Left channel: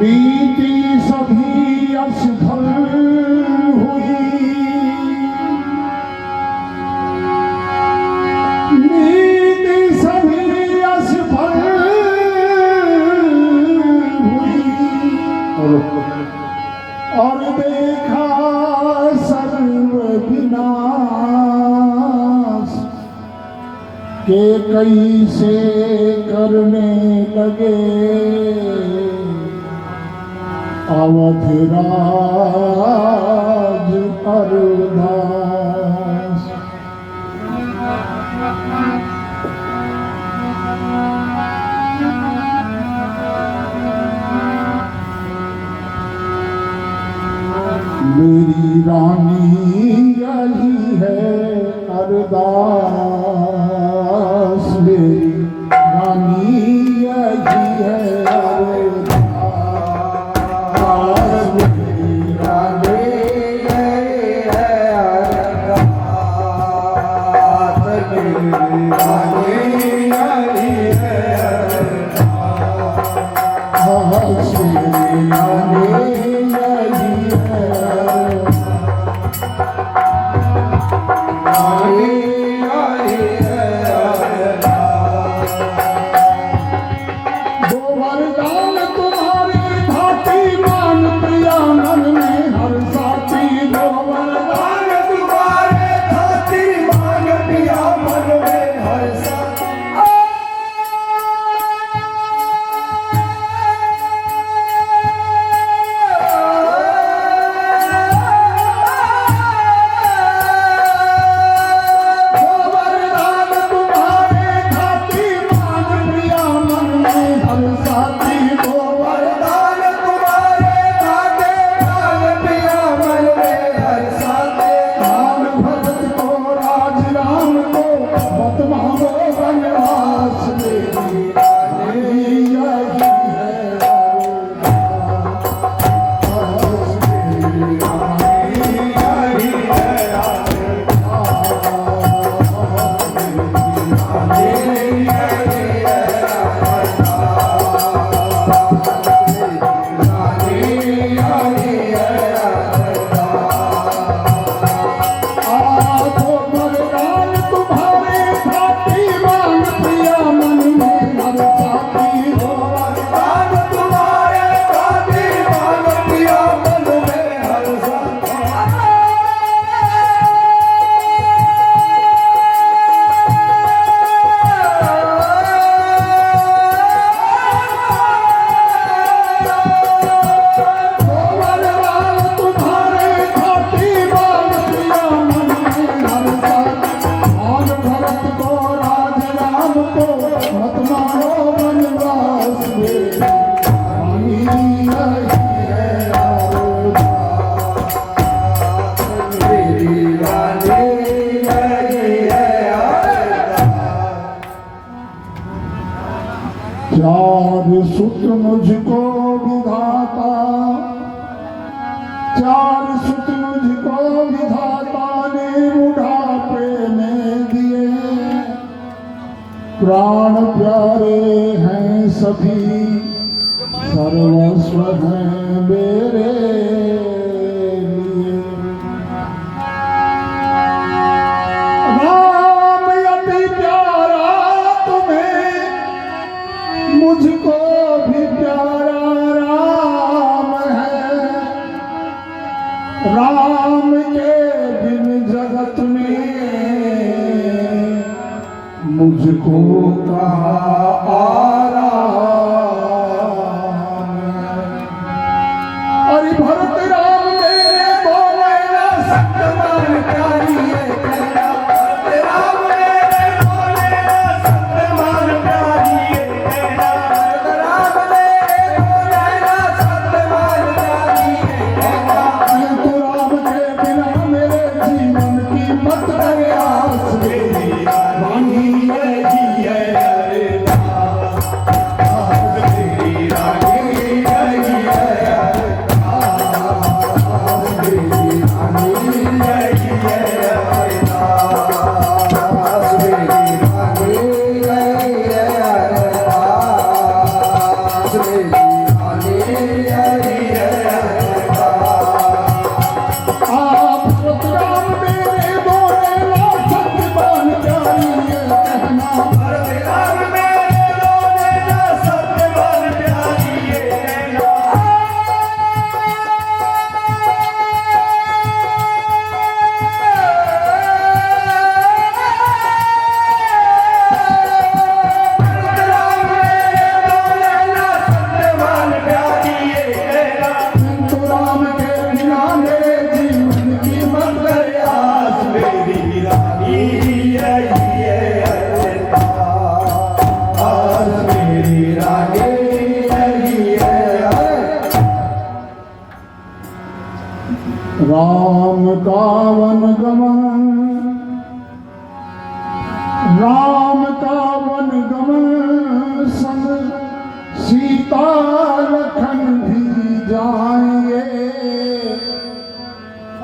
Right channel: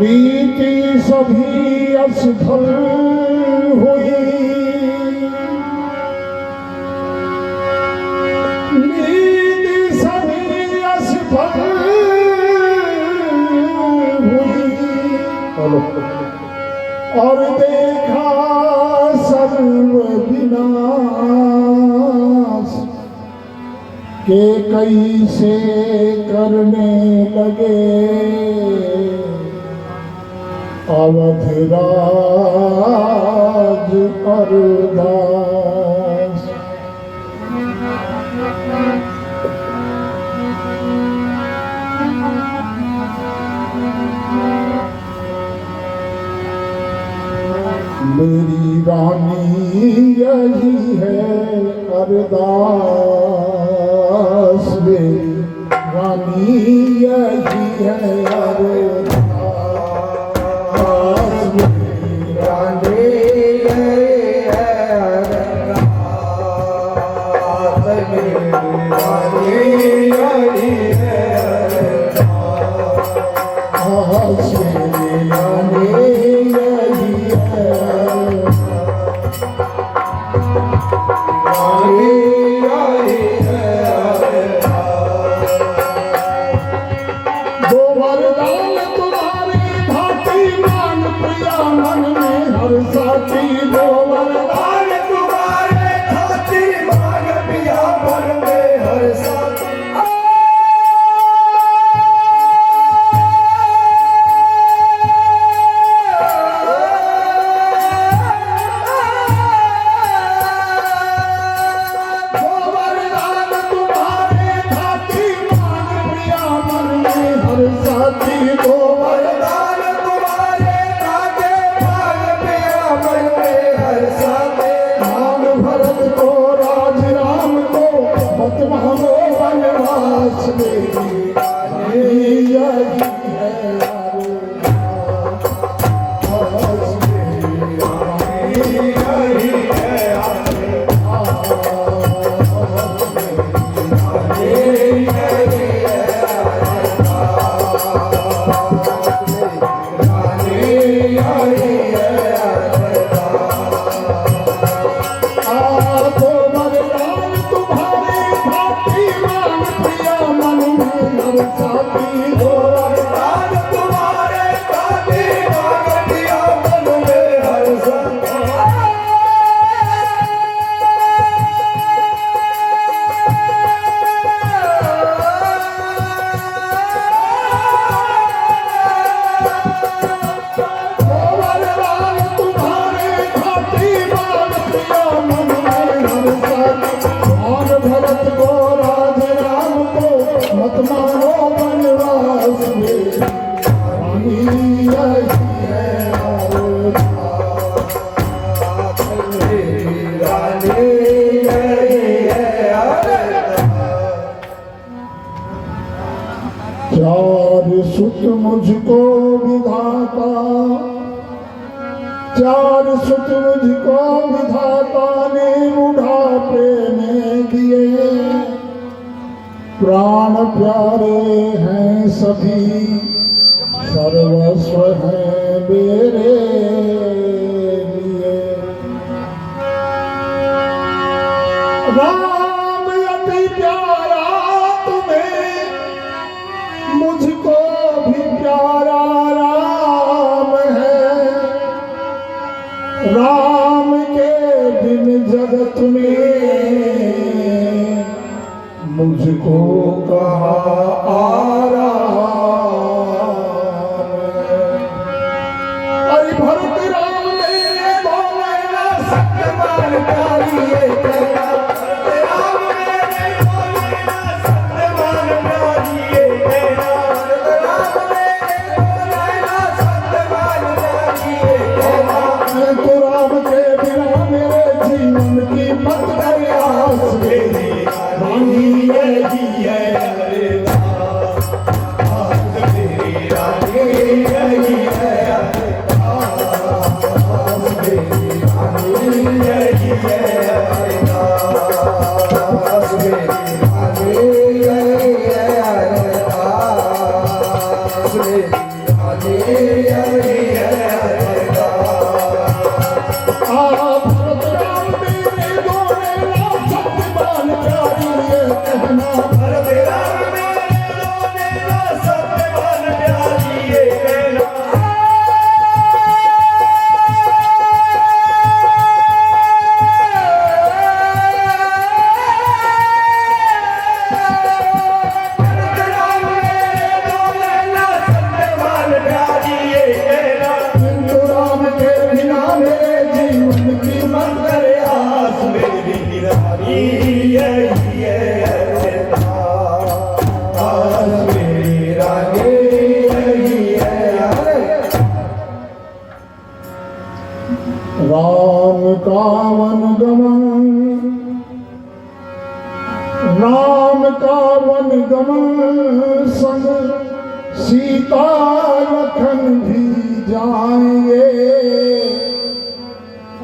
नीति सभी असफल हुई, नीति सभी असफल हुई और देखा सर्व विनाश के कैसे करने लगे अवधराज अरदास। मेरी रानी यही है अरदास, मेरी रानी यही है सुत मुझको विधाता, चार सुत मुझको विधाता ने बुढ़ापे में दिए। प्राण प्यारे हैं सभी, सर्वस्व हैं मेरे लिए। राम अति प्यारा तुम्हें, मुझको भी प्यारा राम है। राम के बिन जगत में मुझको कहाँ आराम है। अरे भरत राम मेरे बोले ना सत्यवान प्यारी है तेरा। भरत राम मेरे बोले ना सत्यवान प्यारी है तेरा। राम का वन गमन, राम का वन गमन संग सीता लखन भी जाएंगे।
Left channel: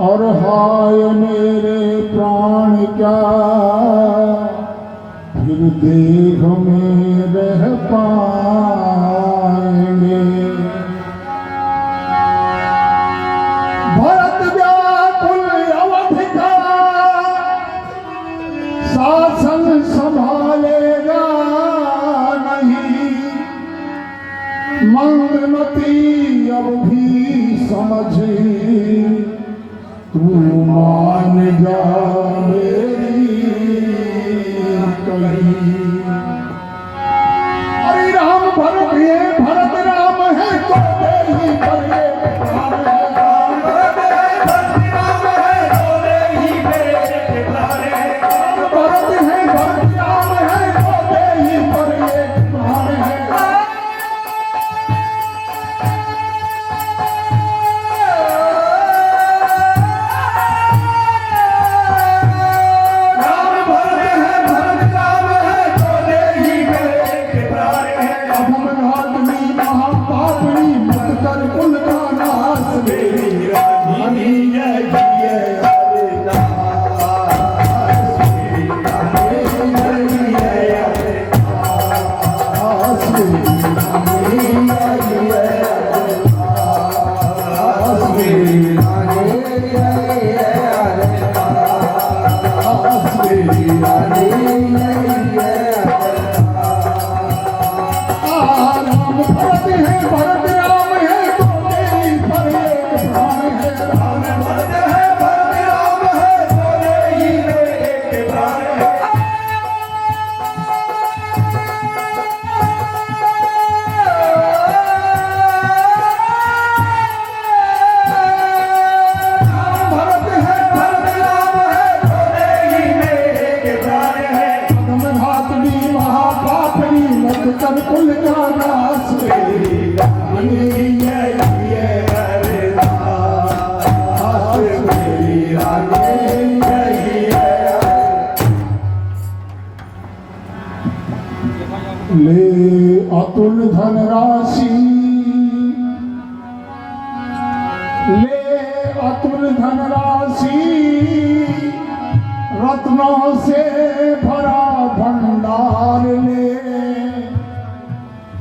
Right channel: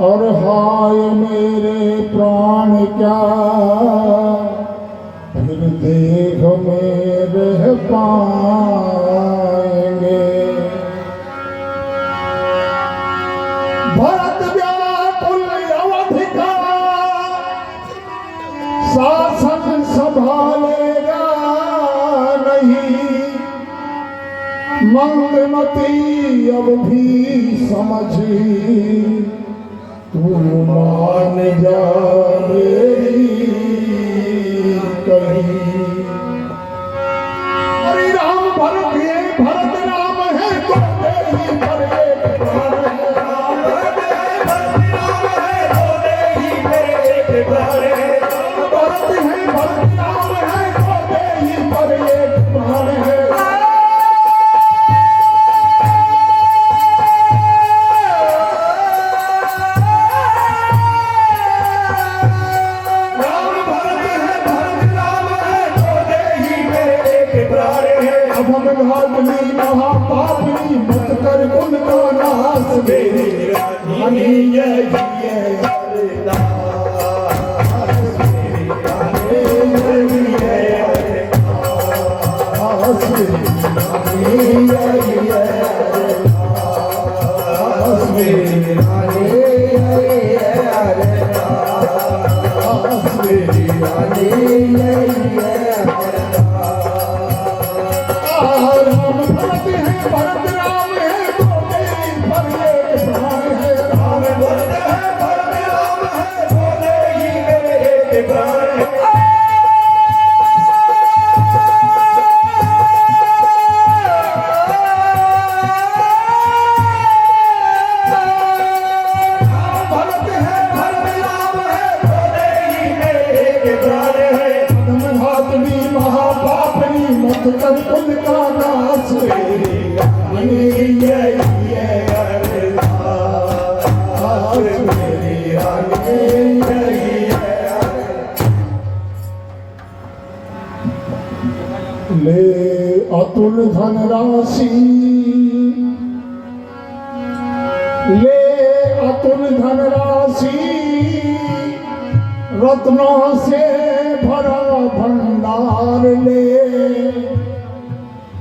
और हाय मेरे प्राण क्या फिर देह में रह पाएंगे। भरत व्याकुल अवध का शासन संभालेगा नहीं। मंगमती अब भी समझी तू मान जा मेरी कही। अरे राम भरत ये भरत राम है तो ही भरत राम है। महापापनी मत कर कुल का नाश मेरी रानी कर कुल का नाश मेरी रानी मेरी रानी। ले अतुल धनराशि, ले अतुल धनराशि, रत्नों से भरा भंडार ले।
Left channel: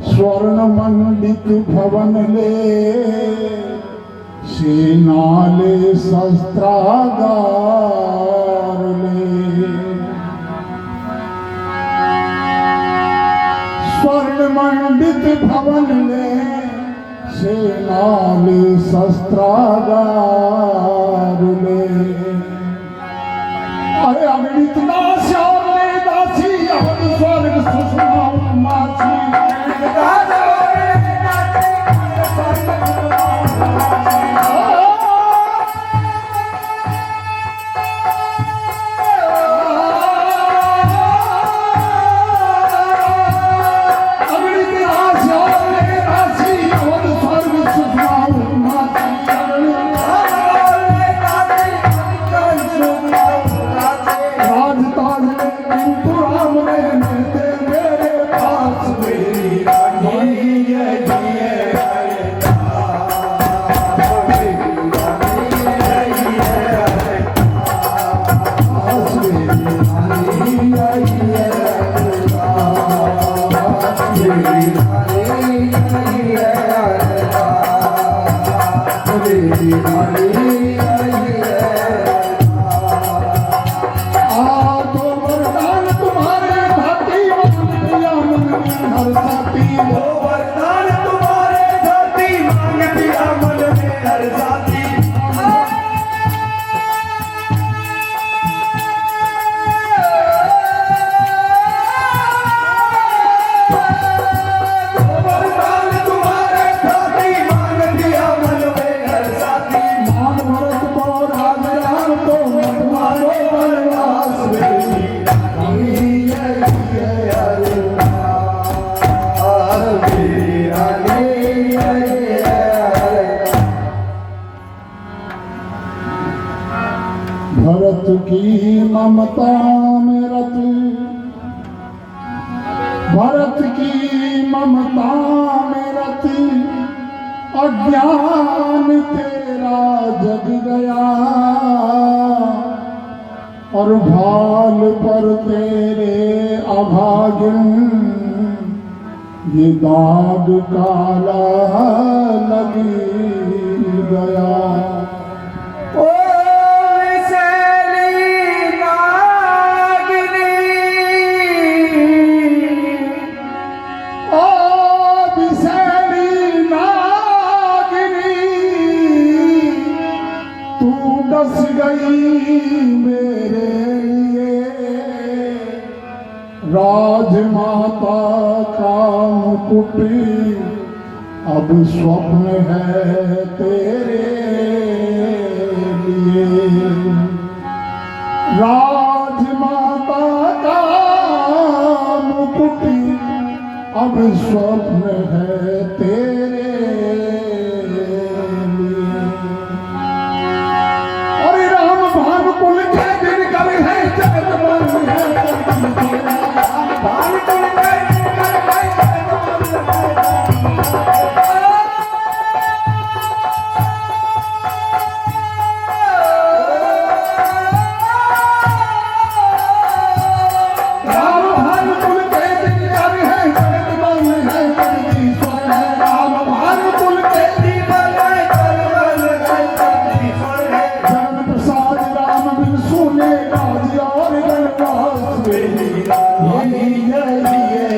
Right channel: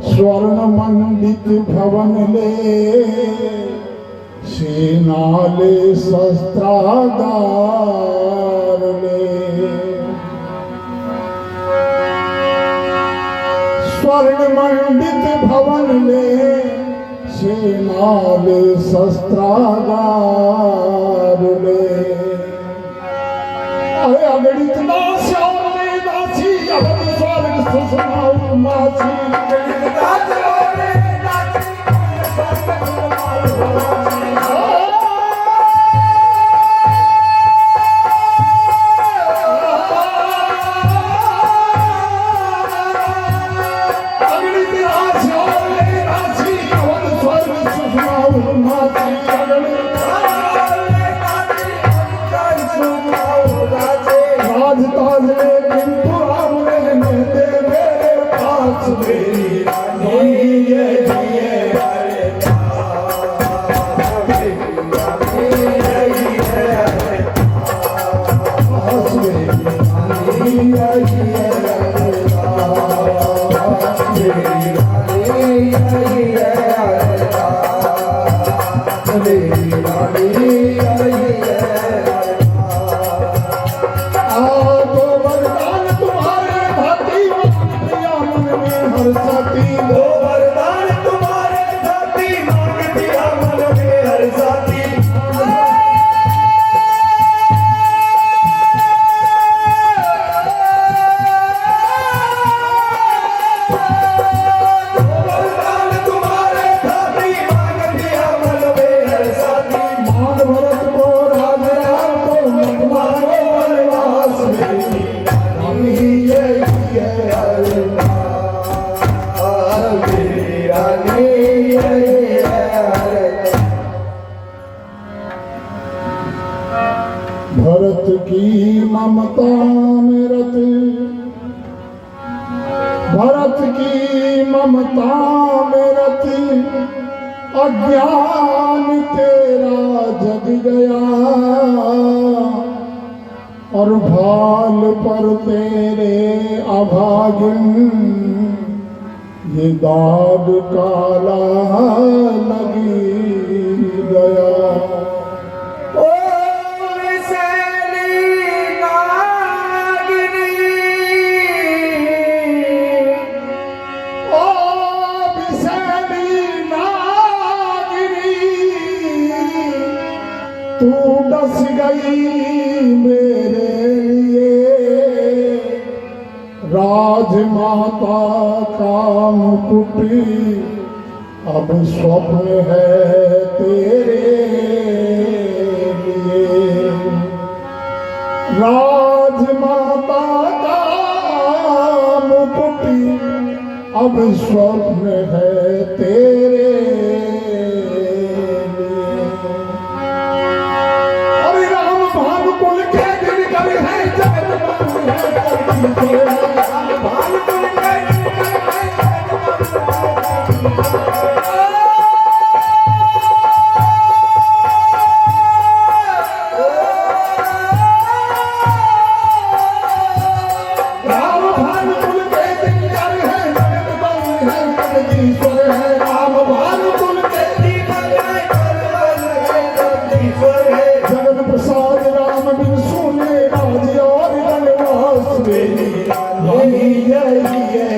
स्वर्ण मंडित भवन ले, सेना ले शस्त्रागार ले। स्वर्ण मंडित भवन ले, सेना ले शस्त्रागार ले। अरे अगणित नाश और ले दासी, अवध स्वर्ग सुषमा मासी। अगणित मेरी रानी आई है। तो वरदान तुम्हारे खाती पिया मन में हर साथी दो वरदान तुम्हारे साथी मांग पिया मन में हर साथी। भरत को राज राम को मत मारो वनवास में रानी है भरत की ममता में रत भरत की ममता में रत अज्ञान तेरा जग गया और भाल पर तेरे अभागिन ये दाग काला लगी गया। ओ विषैली नागिनी ओ विषैली नागिनी तू डस गई मेरे लिए राजमाता का मुकुट अब स्वप्न है तेरे लिए। राजमाता का मुकुट अब स्वप्न है तेरे लिए। अरे राम भानुकुल के दिन कर है जगत बंद है धरती पर। भानुकुल के दिन कर है जगत बंद है। राम भानुकुल के दिन कर है जगत बंद है धरती पर। राम भानुकुल के दिन कर है जगत बंद है धरती पर। जगत प्रसाद राम बिन सुने राज और गणवास में रानी जय जय